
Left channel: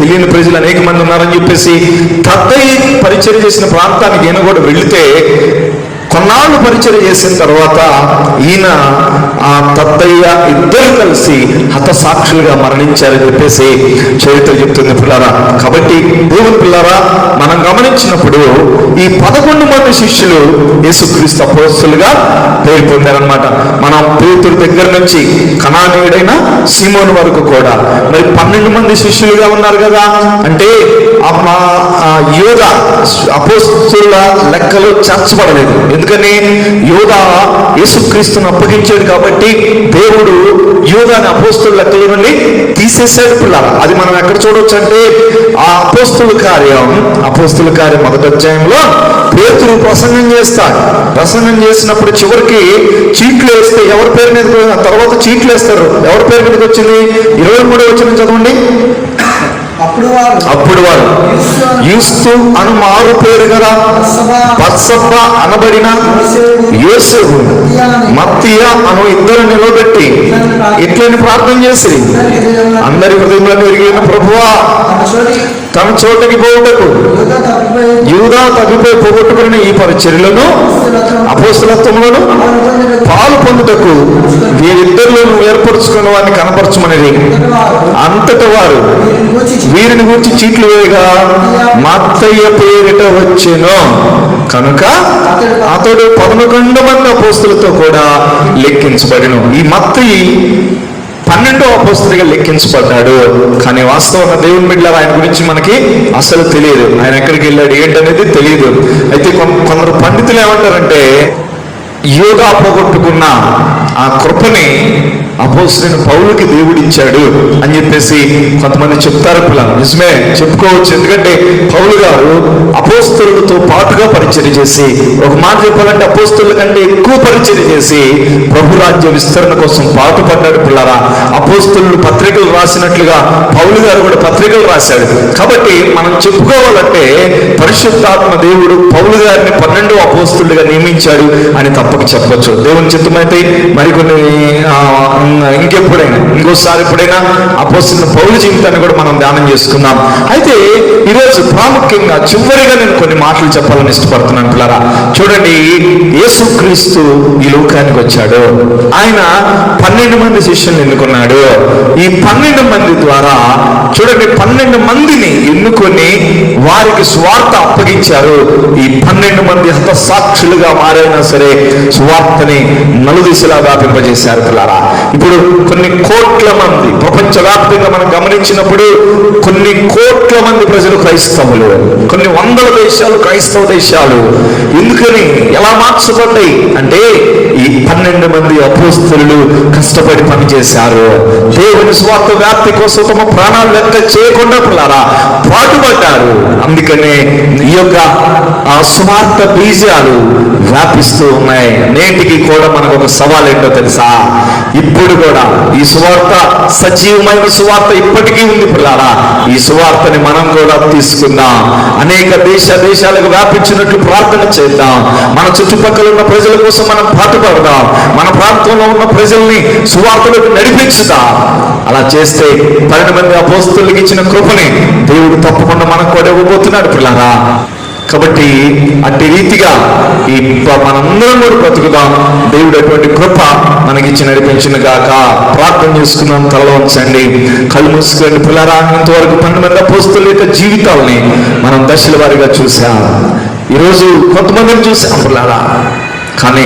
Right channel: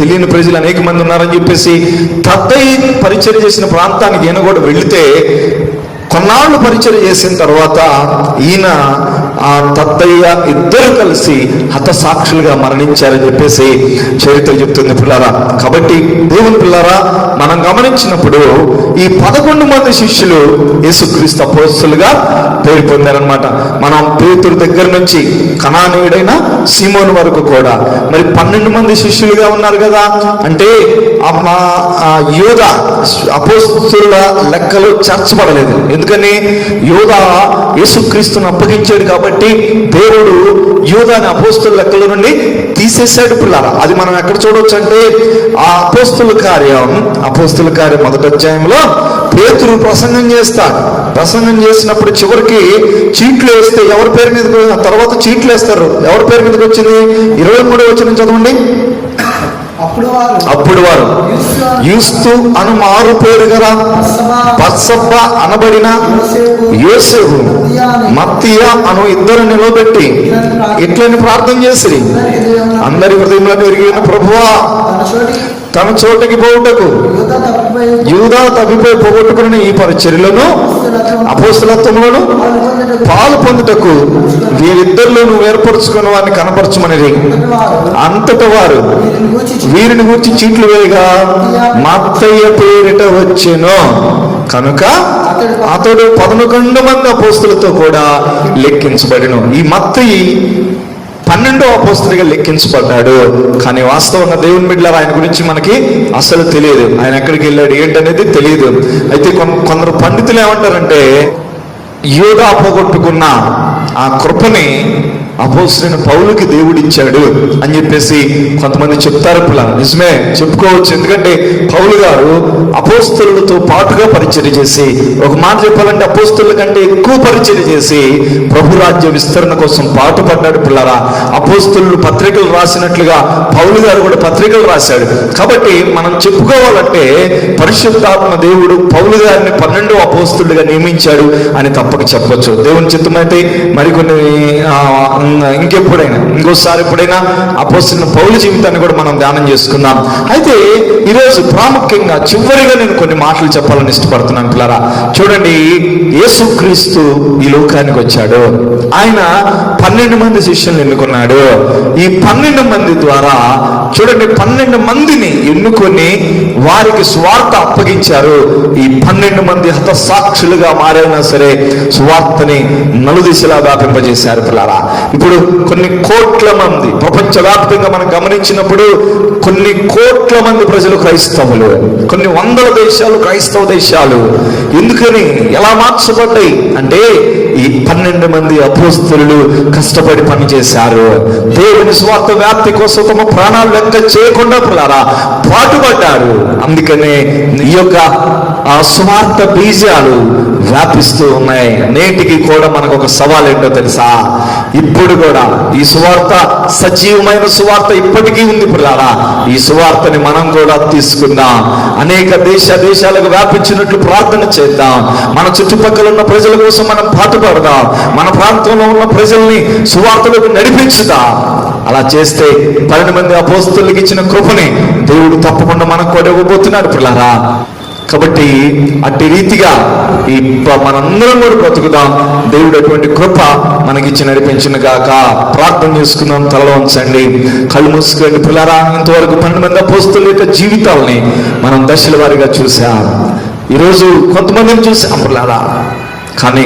తెలియని ప్రజలు అనేక మంది ఉన్నారని చెప్పేసి తద్దయి పరిచర్య చేసిన ప్రాంతానికి ఈయన కూడా వెళితే కొన్నాళ్ళు పరిచయం చేసిన తర్వాత ఈయన ఆ తద్దయ్య ఇద్దరు కలిసి హతసాక్షులుగా మరణించారని చెప్పేసి చరిత్ర చెప్తుంది పిల్లరా. కాబట్టి దేవుని పిల్లరా, మనం గమనించినప్పుడు ఈ 11 మంది శిష్యులు యేసుక్రీస్తు అపోస్తలుగా పేరు పొందారనమాట. మనం పేతురు దగ్గర నుంచి కనానీయుడైన సీమోను వరకు కూడా మరి 12 మంది శిష్యులుగా ఉన్నారు కదా. అంటే యోధ అపోస్తలుల లెక్కలు చేర్చబడలేదు. ఎందుకని యోధా యేసుక్రీస్తును అప్పగించాడు కాబట్టి దేవుడు యోధాని అపోస్తలుల లెక్కల నుండి తీసేశాడు పిల్లలు. అది మనం ఎక్కడ చూడవచ్చు అంటే ఆ అపోస్తలుల కార్యం మొదటి అధ్యాయంలో పేతురు ప్రసంగం చేస్తాడు. ప్రసంగం చేసినప్పుడు చివరికి చీట్లు వేస్తే ఎవరి పేరు మీద, తర్వాత చీట్లు వేస్తారు, ఎవరి పేరు మీదకి వచ్చింది? 23వ వచనం చదవండి. అప్పుడు వారు యూస్తు అను మారు పేరు గల బత్సబ్బ అనబడిన యోసేపు, మత్తీయ అను ఇద్దరు నిలబెట్టి ఇట్లని ప్రార్థన చేసి, అందరి హృదయంలో ఎరిగిన ప్రభువా తన చోటకి పోవుటకు యూదా తగ్గిపోయి పోగొట్టుకుని ఈ పరిచర్యలను అపోస్తలత్వములను పాలు పొందుటకు వీరిద్దరిలో ఏర్పరచుకున్న వారిని కనపరచమనేది. అంతటా వారు వీరిని గురించి చీట్లు వేయగా మత్తయ్య పేరిట వచ్చెను కనుక అతడు 11 మంది అపోస్తలులతో కూడా లెక్కించబడెను. ఈ మత్తయి 12వ అపోస్తలుగా లెక్కించబడ్డాడు. కానీ వాస్తవంగా దేవుని బిడ్డలారా, ఆయన గురించి మనకి అసలు తెలియదు. ఆయన ఎక్కడికి వెళ్ళాడు ఏంటనేది తెలియదు. అయితే కొందరు పండితులు ఏమంటారంటే యోగా పోగొట్టుకున్న ఆ కృపని అపోస్తలుడైన పౌలుకి దేవుడిచ్చాడు అని చెప్పేసి కొంతమంది చెప్తారు పిల్లలు. నిజమే, చెప్పుకోవచ్చు. ఎందుకంటే పౌలు గారు అపోస్తలులతో పాటుగా పరిచర్య చేసి, ఒక మాట చెప్పాలంటే అపోస్తలుల కంటే ఎక్కువ పరిచర్య చేసి ప్రభు రాజ్య విస్తరణ కోసం పాటుపడ్డాడు పిల్లరా. అపోస్తలులు పత్రికలు రాసినట్లుగా పౌలు గారు కూడా పత్రికలు రాశాడు. కాబట్టి మనం చెప్పుకోవాలంటే పరిశుద్ధాత్మ దేవుడు పౌలు గారిని 12వ అపోస్తలుడిగా నియమించాడు అని తప్పక చెప్పొచ్చు. దేవుని చిత్తమైతే మరికొన్ని ఇంకోసారి ఎప్పుడైనా అపోస్తలుడైన పౌలు జీవితాన్ని కూడా మనం ధ్యానం చేసుకుందాం. అయితే ఈరోజు ప్రాముఖ్యంగా చివరిగా నేను కొన్ని మాటలు చెప్పాలని ఇష్టపడుతున్నాను పిల్లరా. చూడండి, యేసుక్రీస్తు ఈ లోకానికి వచ్చాడు. ఆయన 12 మంది శిష్యులను ఎన్నుకున్నాడు. ఈ 12 మంది ద్వారా చూడండి 12 మందిని ఎన్నుకొని వారికి స్వార్థ అప్పగించారు. ఈ 12 మంది హతసాక్షులుగా మారైనా సరే స్వార్థని నలుదిశలా వ్యాపింపజేశారు పిల్లరా. ఇప్పుడు కొన్ని కోట్ల మంది ప్రపంచవ్యాప్తంగా మనం గమనించినప్పుడు కొన్ని కోట్ల మంది ప్రజలు క్రైస్తవులు, కొన్ని వందల దేశాలు క్రైస్తవ దేశాలు. ఎందుకని ఎలా మార్చబడ్డాయి అంటే ఈ 12 మంది అపోస్తలులు కష్టపడి పనిచేశారు. దేవుని స్వార్థ వ్యాప్తి కోసం తమ ప్రాణాలు లెక్క చేయకుండా పిల్లరా పాటుపడ్డారు. అందుకనే ఈ యొక్క సువార్త బీజాలు వ్యాపిస్తూ ఉన్నాయి. నేటికి కూడా మనకు ఒక సవాల్ ఏంటో తెలుసా? ఇప్పుడు కూడా ఈ సువార్త సజీవమైన సువార్త ఇప్పటికీ ఉంది పిల్లారా. ఈ సువార్తని మనం కూడా తీసుకుందాం. అనేక దేశాలకు వ్యాపించినట్లు ప్రార్థన చేద్దాం. మన చుట్టుపక్కల ఉన్న ప్రజల కోసం మనం పాటుపడదాం. మన ప్రాంతంలో ఉన్న ప్రజల్ని సువార్తలకు నడిపించుదాం. అలా చేస్తే 12 మంది అపోస్తలులకు ఇచ్చిన కృపని దేవుడు తప్పకుండా మనకు కూడా ఇవ్వబోతున్నాడు పిల్లారా. కాబట్టి అట్టి రీతిగా ఈ మనందరం కూడా బ్రతుకుదాం. దేవుడు అటువంటి కృప మనకి ఇచ్చి నడిపించిన గాక. ప్రార్థన చేసుకున్నాం. తల ఉంచండి, కళ్ళు మూసుకొని. పిల్లరా, ఇంతవరకు 12 మంది అపోస్తలుల యొక్క జీవితాలని మనం దశల వారీగా చూసాం. ఈరోజు కొంతమందిని చూసాం పిల్లరా. కానీ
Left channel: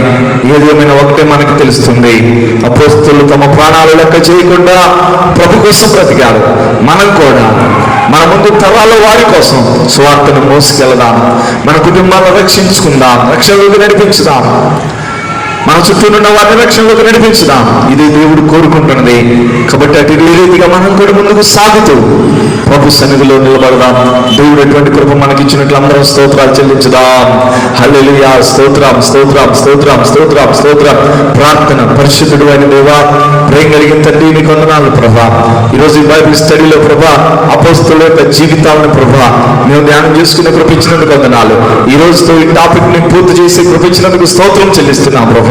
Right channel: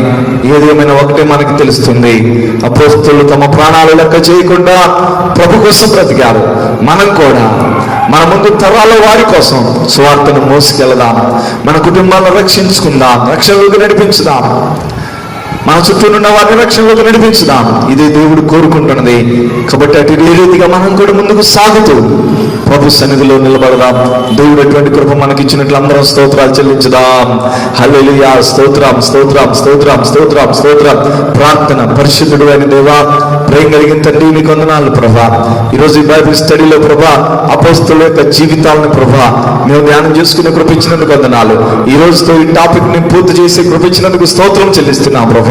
ఏదేమైనా ఒకటే మనకు తెలుస్తుంది, అపోస్తలులు తమ ప్రాణాలు లెక్క చేయకుండా ప్రభు కోసం బ్రతికారు. మనం కూడా మన ముందు తరాల వారి కోసం స్వార్థను మోసుకెళ్దాం. మన కుటుంబాలను రక్షించుకుందాం, రక్షణలోకి నడిపించుదాం. మన చుట్టూ ఉన్న వారిని రక్షణలోకి నడిపించుదాం. ఇది దేవుడు కోరుకుంటున్నది. కాబట్టి అటు రీతిగా మనం కూడా ముందుకు సాగుతూ ప్రభు సన్నిధిలో నిలబడదాం. దేవుడు ఎటువంటి కృప మనకి ఇచ్చినట్లు అందరం స్తోత్రాలు చెల్లించుదాం. హల్లెలూయా. స్తోత్రం, స్తోత్రం, స్తోత్రం, స్తోత్రం, స్తోత్రం. ప్రార్థన. పరిశుద్ధుడు అయిన దేవా, ప్రేమ కలిగిన తండ్రి, నీకు వందనాలు ప్రభా. ఈరోజు ఈ బైబిల్ స్టడీలో ప్రభా అపోస్తలుల యొక్క జీవితాలను ప్రభా మేము ధ్యానం చేసుకుని కృప ఇచ్చినందుకు వందనాలు. ఈ రోజుతో ఈ టాపిక్ ని పూర్తి చేసి కృప ఇచ్చినందుకు స్తోత్రం చెల్లిస్తున్నాం ప్రభా.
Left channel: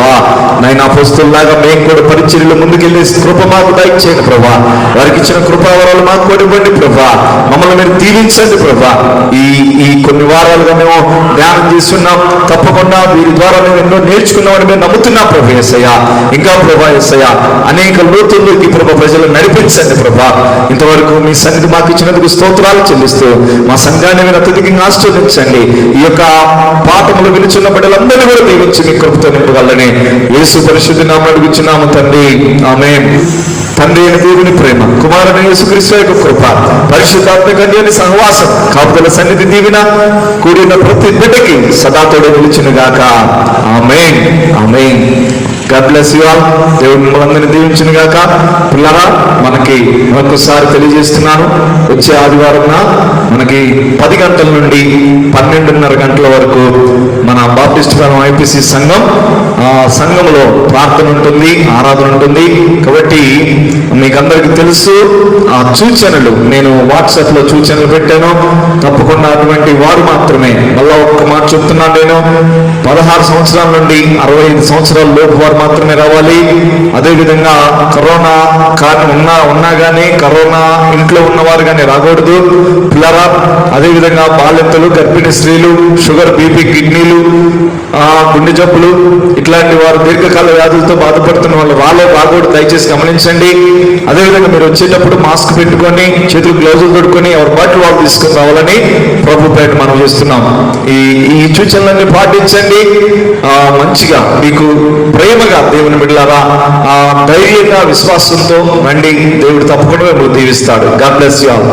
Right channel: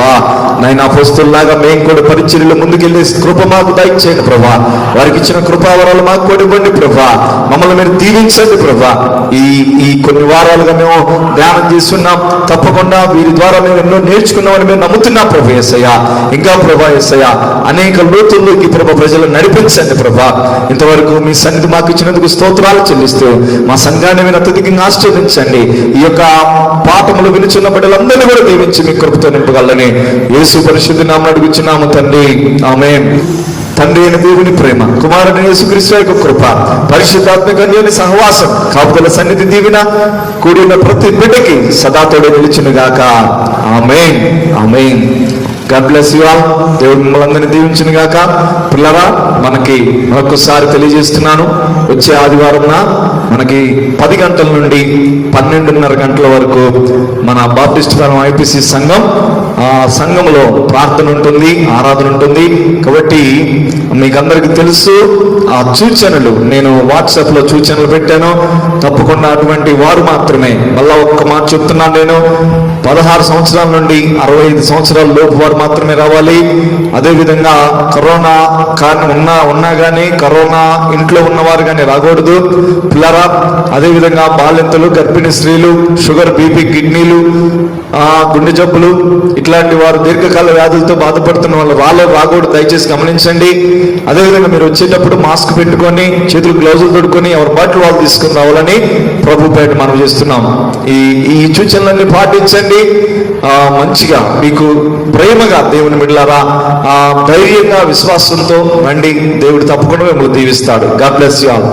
నైనా అపోస్తలులాగా మేము కూడా పరిచర్యలో ముందుకెళ్ళి కృప మాకు దయచేయండి ప్రభా. వారికి ఇచ్చిన కృపావరాలు మాకు కూడా ఇవ్వండి ప్రభా. మమ్మల్ని మీరు దీవించండి ప్రభా. ఈ కొన్ని వారాలుగా మేము ధ్యానం చేస్తున్నాం. తప్పకుండా వీరి ద్వారా మేము ఎన్నో నేర్చుకున్నామని మేము నమ్ముతున్నాం ప్రభు యేసయ్య. ఇంకా ప్రభా యేసయ్య, అనేక లోతుల్లోకి ప్రభా ప్రజలు నడిపించండి ప్రభా. ఇంతవరకు మీ సన్నిధి మాకు ఇచ్చినందుకు స్తోత్రాలు చెల్లిస్తూ మా సంఘాన్ని మీరు అత్యధికంగా ఆశీర్వదించండి. ఈ యొక్క పాఠములు వినుచున్న బిడ్డలందరినీ కూడా దీవించి మీ కృపతో నింపగలని యేసు పరిశుద్ధ నామమున అడుగుచున్నాము తండ్రి, ఆమేన్. తండ్రి అయిన దేవుని ప్రేమ, కుమారుని యేసుక్రీస్తు యొక్క కృప, పరిశుద్ధాత్మ కన్యని సహవాసం, కాపుదల సన్నిధి దీవెన కూడిన ప్రతి బిడ్డకి సదా తోడు నిలుచును గాక. ఆమేన్, ఆమేన్. God bless you all. దేవుడు మిమ్మల్ని అందరినీ దీవించును గాక. పిల్లరా, మనకి మరొకసారి తెలియజేస్తున్నాను, వచ్చే ఆదివారం మనకి 10 గంటల నుండి 12:30 గంటల వరకు మన బాప్టిస్ట్ ఐపీసీ సంఘంలో ప్రార్థన ఉంటుంది, ఆరాధన ఉంటుంది. కాబట్టి మీకు అందరికీ తెలుసు, ఆ సూచనలు నేను వాట్సాప్ లో సూచనలు పెట్టాను. తప్పకుండా అటువంటి వారు మాత్రమే, మళ్ళా ఒక్క మాట చెప్తున్నాను, నేను 16 సంవత్సరాల నుండి 65 సంవత్సరాల లోపు వారు మాత్రమే రావాలి. అదేవిధంగా కరోనా కానీ ఉన్నా కానీ కరోనా ఇంట్లో ఉన్నవారు కానీ రాకూడదు పిల్లరా. అదేవిధంగా బాలింతలు, గర్భిణీ స్త్రీలు, షుగర్, బీపీ, కిడ్నీలు, గుండె జబ్బులు ఇట్లాంటి వారు, దీర్ఘకాల వ్యాధులతో బాధపడుతున్న వాళ్ళు రాకూడదు. దయచేసి గమనించండి. అదేవిధంగా మీరు వచ్చేటప్పుడు మాస్క్ పెట్టుకొని, చేతులు గ్లౌజులు పెట్టుకొని ఎవరి బాటిల్ వాళ్ళు తీసుకుని రావాలని ప్రభు పేరు మనం చేస్తున్నాం. ఈ సూచనలన్నీ పాటించండి. మంచిగా మీకు ప్రేమగా దేవుని బిడ్డలారా ధైర్యంగా విశ్వాసంతో రండి. దేవుడు తప్పకుండా మిమ్మల్ని దీవిస్తాడు. God bless you all.